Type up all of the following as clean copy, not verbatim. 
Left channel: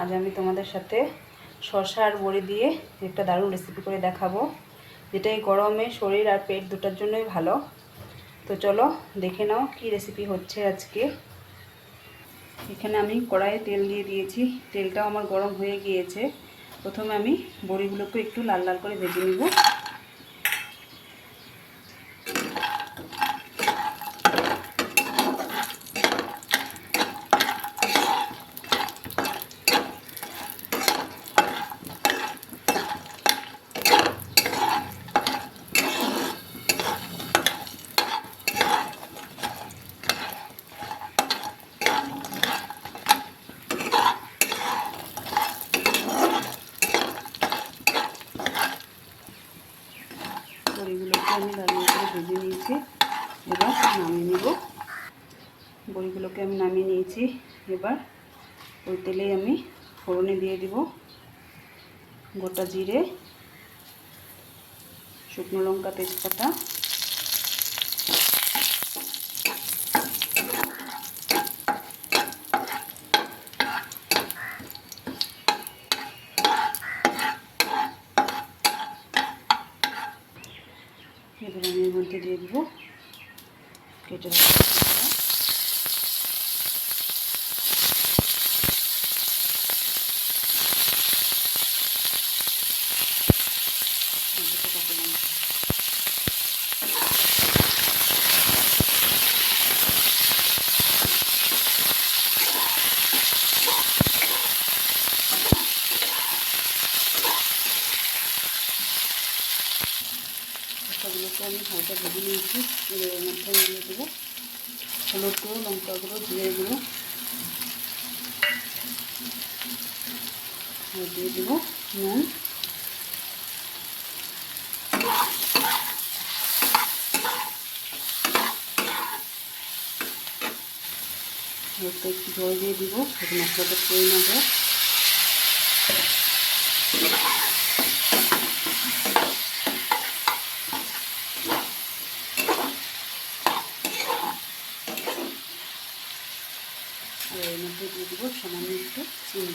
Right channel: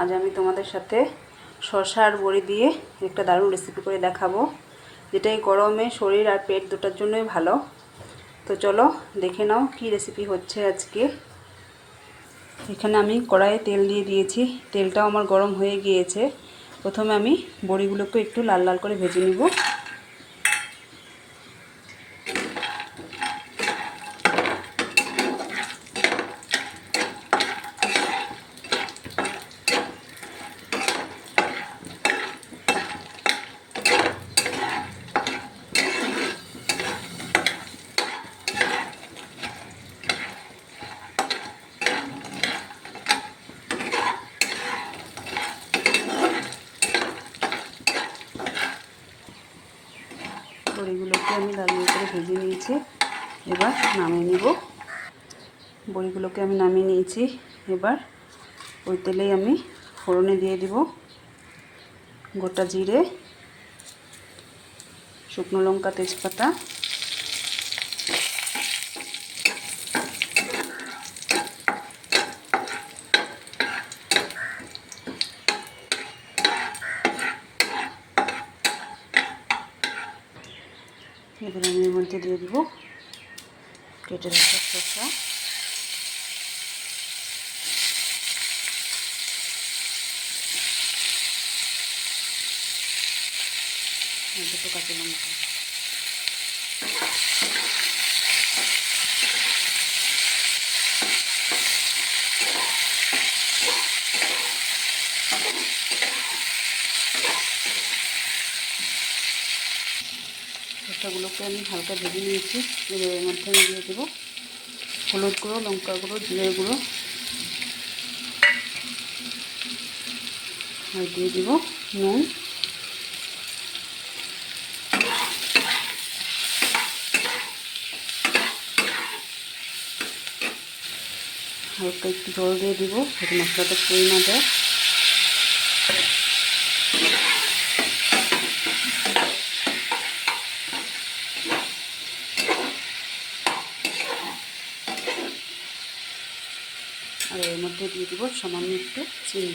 আজ আমি তোমাদের সাথে শসা আর বড়ি দিয়ে একটা দারুণ রেসিপি করে দেখাবো, যেটা এই গরমে শরীর আর পেট দুটোর জন্যই ভালো। তো চলো দেখে নাও কি রেসিপি হচ্ছে আজকে। এখানে আমি কড়াইয়ে তেল দিয়ে দিয়েছি, তেলটাও আমার গরম হয়ে গিয়েছে। প্রথমে আমি বড়িগুলোকে একটু লাল লাল করে ভেজে নিব। বড়িগুলোকে আমি লাল লাল করে ভেজে নিয়েছি, এবার নামিয়ে নেব। বড়িগুলোকে আমি নামিয়ে নিয়েছি, এবার ওই তেলেই আমি ফোড়নে দিয়ে দিব গোটা জিরে, শুকনো লঙ্কা, তেজপাতা, এবার আমি এর মধ্যে দিয়ে দিব কেটে রাখা শসা, কাঁচা লঙ্কা, শসাগুলোকে আমি হালকা ভেজে নিয়েছি। এবার এর মধ্যে আমি দিয়ে দেবো হলুদ গুঁড়ো, লঙ্কা গুঁড়ো, জিরে গুঁড়ো, আর দিয়ে দেবো নুন। হালকা একটু জল দিয়ে দিব যাতে মশলাটা পুড়ে না যায়। আর এর মধ্যে দিয়ে দিব সামান্য একটু চিনি।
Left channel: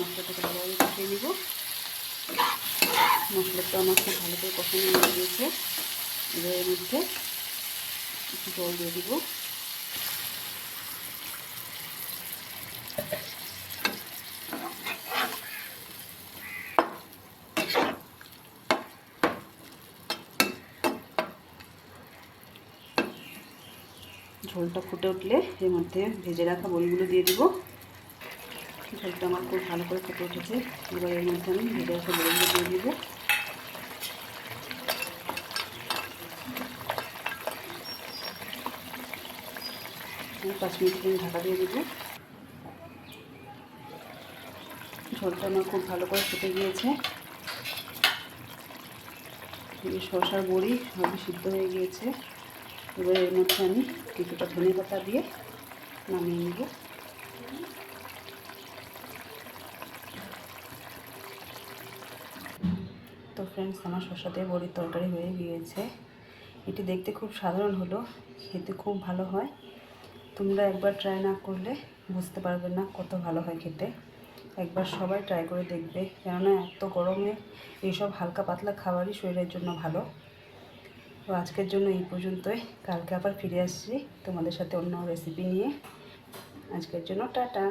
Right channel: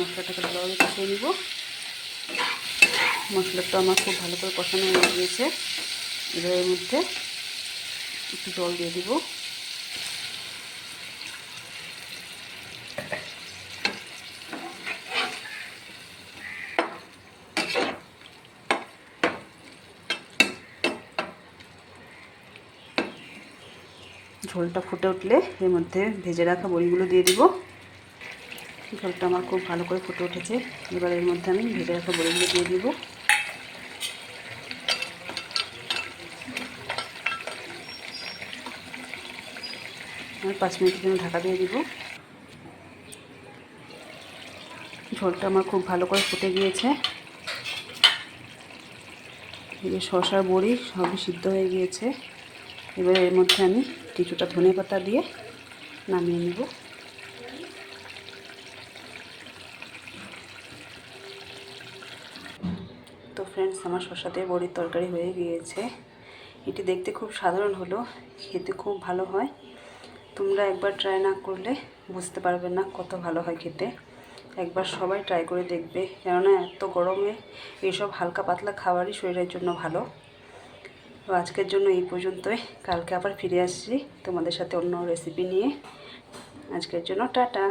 মশলাটাকে ভালোভাবে কষিয়ে নিব। মশলাটা আমার খুব ভালো করে কষানো হয়ে গিয়েছে। এবার এর মধ্যে একটু জল দিয়ে দিব। ঝোলটা ফুটে উঠলে এর মধ্যে ভেজে রাখা বড়িগুলো দিয়ে দিব। ঝোলটা আমার খুব ভালো করে ফুটে উঠেছে। এবার এর মধ্যে আমি ভেজে রাখা বড়িগুলো দিয়ে দিব। আমি 5 মিনিটের জন্য ঢাকা দিয়ে দিব। ঝোলটা আমার খুব ভালো করে ফুটে গিয়েছে। এই শসার বড়ি সবই সিদ্ধ হয়ে গিয়েছে। এবার এর মধ্যে আমি কিছুটা ধনেপাতা দিয়ে নামিয়ে নেব। তো ফ্রেন্ডস, আমার শসা দিয়ে বড়ির তরকারি হয়ে গিয়েছে। এটি দেখতে খুব সাধারণ হলো, খেতে খুব ভালো হয়। তোমরা একবার ট্রাই না করলে বুঝতে পারবে না কত ভালো হয় খেতে। একবার সবাই ট্রাই করে দেখবে, কেননা এত গরমে এইসব হালকা পাতলা খাবারই শরীরের জন্য ভালো। তো আজকের জন্য এই পর্যন্তই। কালকে আবার ফিরে আসছি তোমাদের সাথে অন্য রেসিপি নিয়ে। আজকের জন্য টাটা।